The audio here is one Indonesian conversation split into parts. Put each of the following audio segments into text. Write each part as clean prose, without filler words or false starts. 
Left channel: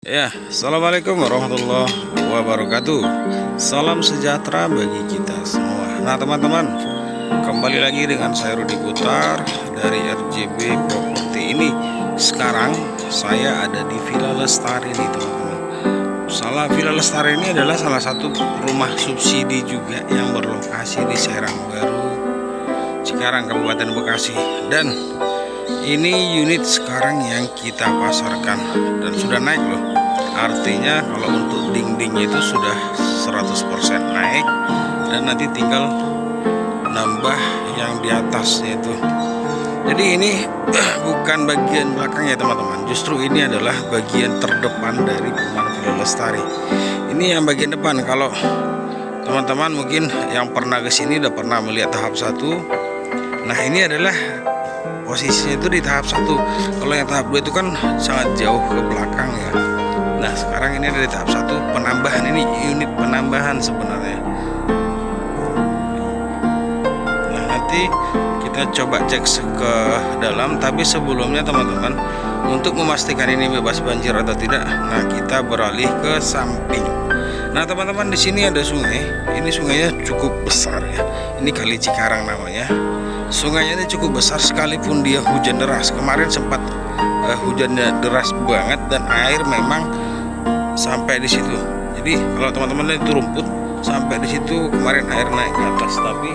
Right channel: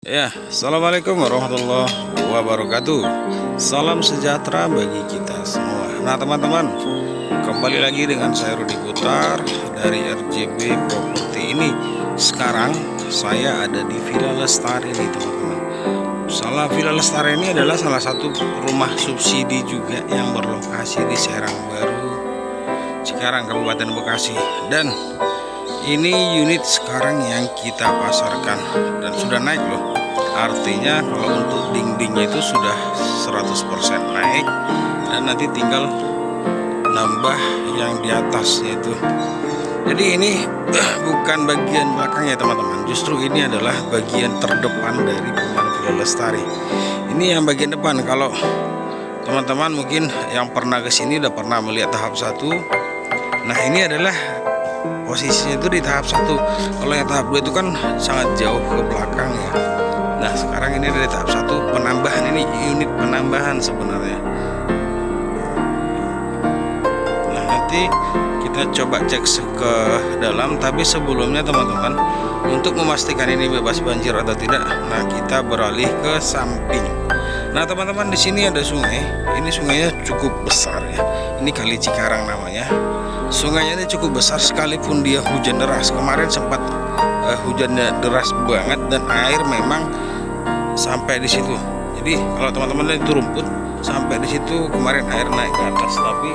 Ya, assalamualaikum warahmatullahi wabarakatuh. Salam sejahtera bagi kita semua. Nah, teman-teman, kembali lagi dengan saya Rudi Putar dari RJB Properti ini. Sekarang saya ada di Villa Lestari nih, teman-teman. Villa Lestari ini adalah salah satu rumah subsidi juga yang berlokasi di Serang Baru, Cikarang, Kabupaten Bekasi. Dan ini unit sekarang yang kita pasarkan dan sudah naik loh. Artinya kalau untuk dindingnya itu sudah 100% naik dan nanti tinggal nambah yang di atasnya itu. Jadi ini bukan bagian belakangnya teman-teman, justru ini adalah bagian terdepan dari Perumahan Villa Lestari. Ini yang bagian depan. Kalau teman-teman mungkin yang pernah kesini udah pernah melihat tahap 1. Nah, ini adalah posisinya itu di tahap 1. Kalau yang tahap 2 itu kan sangat jauh ke belakang ya. Nah, sekarang ini ada di tahap 1 penambahan. Ini unit penambahan sebenarnya. Nah, nanti kita coba cek ke dalam. Tapi sebelumnya teman-teman, untuk memastikan ini bebas banjir atau tidak, nah kita beralih ke samping. Nah, teman-teman, di sini ada sungai. Ini sungainya cukup besar ya. Ini Kali Cikarang namanya. Sungainya ini cukup besar sekalipun dia hujan deras. Kemarin sempat hujannya deras banget dan air memang sampai di situ. Jadi kalau teman-teman lihat itu rumput sampai di situ, kemarin air naik ke atas. Tapi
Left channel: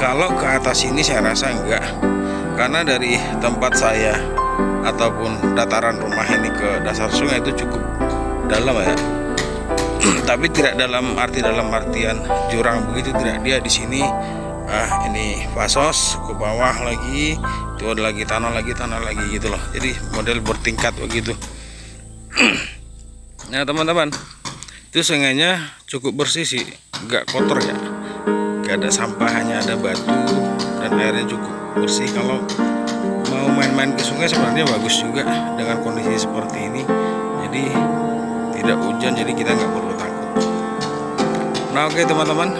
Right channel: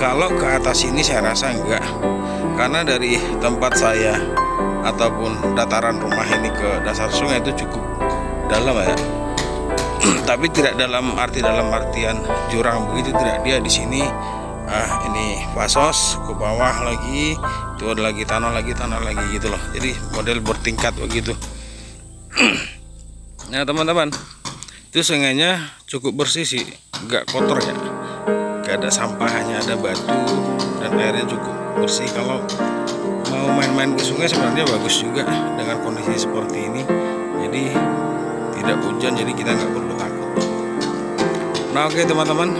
kalau ke atas ini saya rasa enggak, karena dari tempat saya ataupun dataran rumah ini ke dasar sungai itu cukup dalam ya. Tapi tidak dalam artian jurang begitu, tidak. Dia di sini ini pasos ke bawah lagi, itu ada lagi tanah lagi gitu loh. Jadi model bertingkat begitu. Nah, teman-teman, itu sungainya cukup bersih sih, nggak kotor ya, nggak ada sampah, hanya ada batu dan airnya cukup bersih. Kalau mau main-main ke sungai sebenarnya bagus juga dengan kondisi seperti ini. Jadi tidak hujan, jadi kita nggak perlu takut. Nah, oke teman-teman,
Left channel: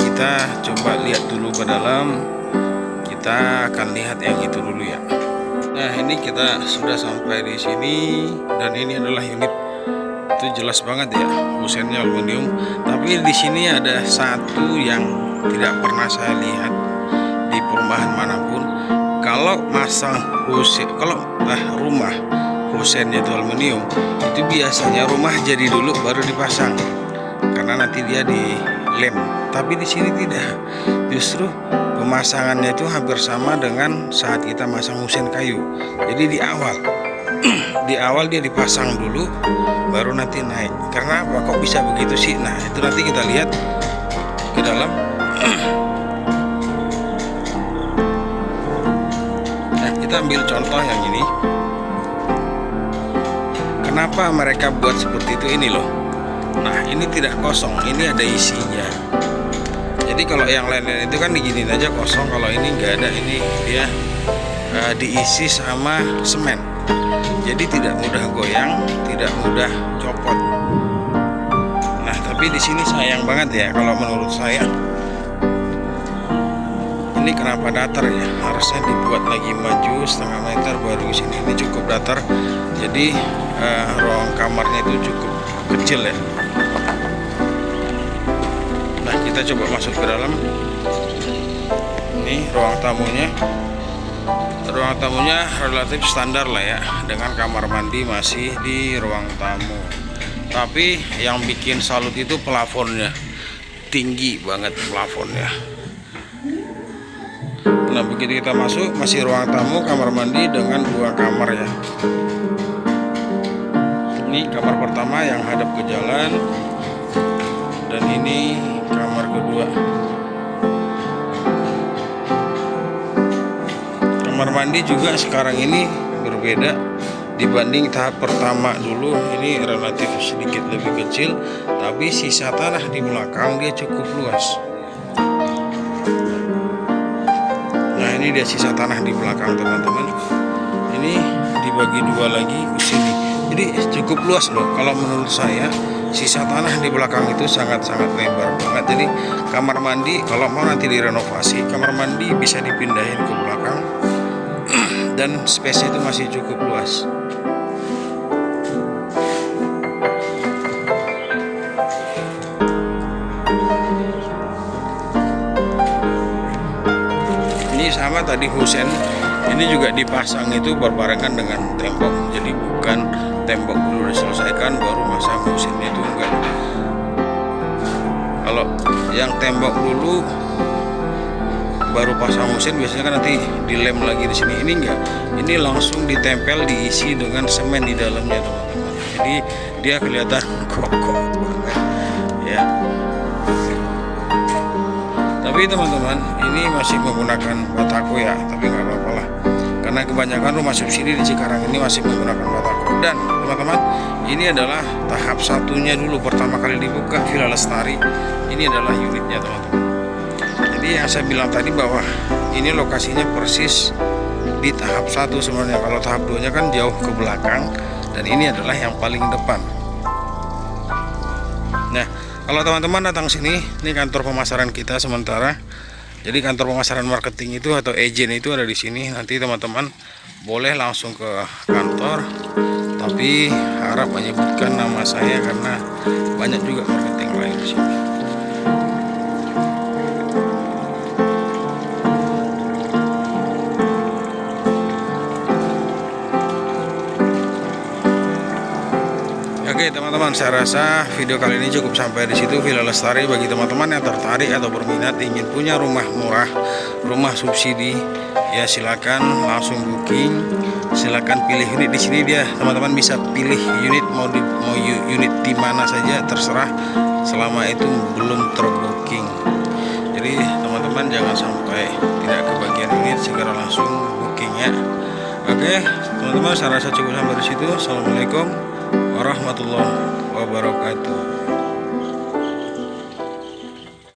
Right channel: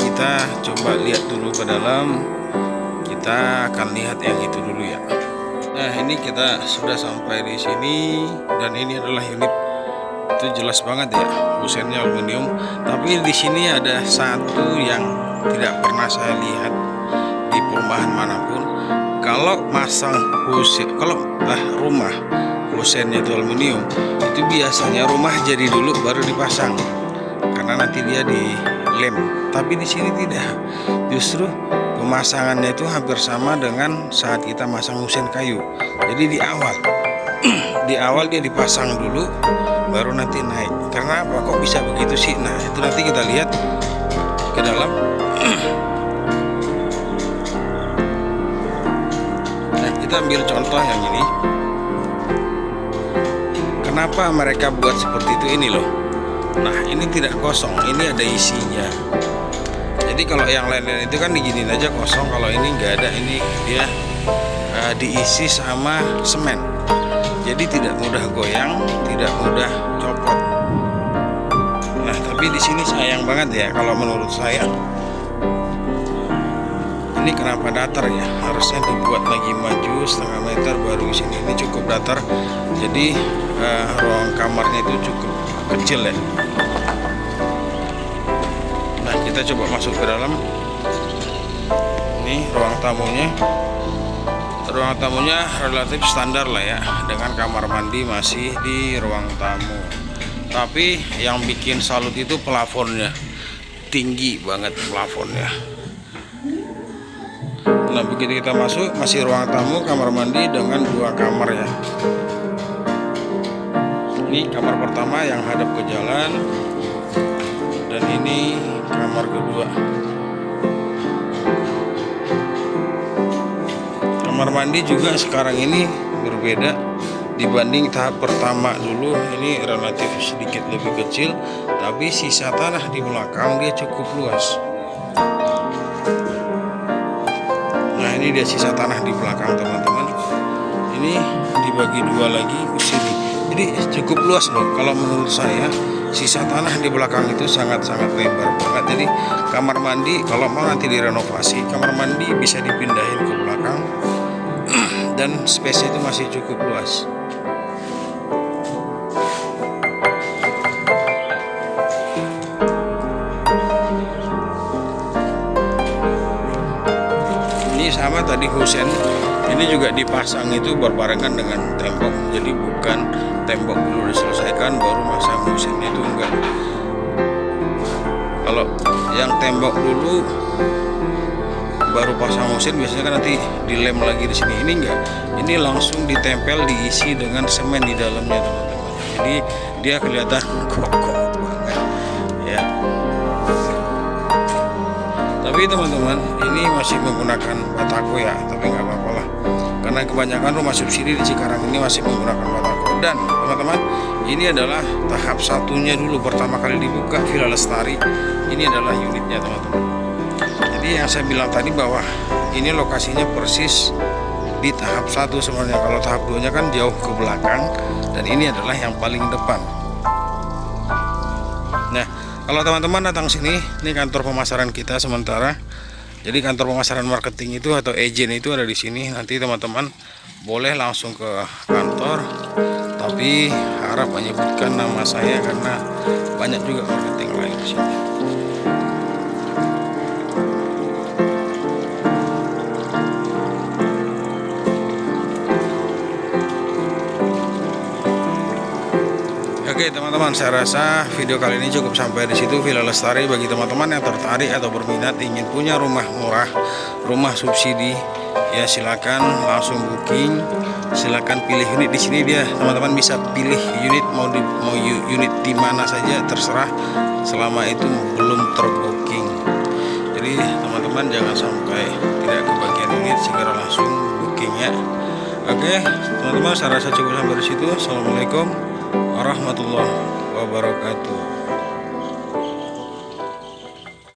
kita coba lihat dulu ke dalam. Kita akan lihat yang itu dulu ya. Nah, ini kita sudah sampai di sini dan ini adalah unit. Itu jelas banget ya, kusennya aluminium. Tapi di sini ada satu yang tidak pernah saya lihat di perumahan manapun. Kalau masang rumah kusennya itu aluminium, itu biasanya rumah jadi dulu baru dipasang, karena nanti dia dilem. Tapi di sini tidak, justru pemasangannya itu hampir sama dengan saat kita masang kusen kayu. Jadi di awal dia dipasang dulu, baru nanti naik. Karena apa kok bisa begitu sih? Nah, itu nanti kita lihat ke dalam. Nah, kita ambil contoh yang ini. Kenapa mereka buat seperti itu ini loh. Nah, ini tidak kosong, ini ada isinya. Jadi kalau yang lain-lain itu kan diginiin aja kosong, kalau ini nggak ada, ini dia diisi sama semen. Jadi tidak mudah goyang, tidak mudah copot. Nah, tapi di sini sayang banget ya kalau menurut saya. Ini kenapa datar ya? Harusnya dibuat lagi maju setengah meter baru sini. Ini cukup datar. Jadi ruang kamarnya itu cukup kecil ya. Nah, kita coba masuk ke dalam. Ini ruang tamunya. Ruang tamunya relatif standar lah ya, dengan kamar mandi masih di ruang tamu. Tapi yang bikin salut itu plafonnya, tinggi banget plafonnya. Nah, begitu kita masuk, masih ruang tamu, kamar mandi dengan 2 kamar ya. Ini kamar pertama yang hadap ke jalan, dan ini kamar kedua. Kamar mandi juga sekarang ini berbeda dibanding tahap pertama dulu. Ini relatif sedikit lebih kecil, tapi sisa tanah di belakang dia cukup luas. Nah, ini dia sisa tanah di belakang teman-teman. Ini dibagi 2 lagi ke sini. Jadi cukup luas loh. Kalau menurut saya sisa tanah di belakang itu sangat-sangat lebar banget. Jadi kamar mandi kalau mau nanti direnovasi, kamar mandi bisa dipindahin ke belakang. Dan space itu masih cukup luas. sama tadi Husen, ini juga dipasang itu berbarengan dengan tembok, jadi bukan tembok dulu diselesaikan baru masang Husennya, itu enggak. Kalau yang tembok dulu baru pasang Husen biasanya kan nanti dilem lagi di sini. Ini enggak, ini langsung ditempel, diisi dengan semen di dalamnya teman-teman, jadi dia kelihatan kokoh banget ya. Tapi teman-teman, ini masih menggunakan batako ya, tapi nggak apa-apa lah, karena kebanyakan rumah subsidi di Cikarang ini masih menggunakan batako. Dan teman-teman, ini adalah tahap satunya dulu, pertama kali dibuka Villa Lestari. Ini adalah unitnya teman-teman. Jadi yang saya bilang tadi bahwa ini lokasinya persis di tahap 1 sebenarnya. Kalau tahap 2 nya kan jauh ke belakang, dan ini adalah yang paling depan. Nah, kalau teman-teman datang sini, ini kantor pemasaran kita sementara. Jadi kantor pemasaran marketing itu atau agent itu ada di sini. Nanti teman-teman boleh langsung ke kantor, tapi harap menyebutkan nama saya karena banyak juga marketing lain di sini. Oke teman-teman, saya rasa video kali ini cukup sampai di situ. Villa Lestari, bagi teman-teman yang tertarik atau berminat ingin punya rumah murah, rumah subsidi, ya silakan langsung booking. Silakan pilih unit di sini, dia teman-teman bisa pilih unit mau unit di mana saja terserah, selama itu belum terbooking. Jadi teman-teman jangan sampai tidak kebagian unit, segera langsung booking ya. Oke teman-teman, saya rasa cukup sampai di situ. Assalamualaikum warahmatullahi wabarakatuh.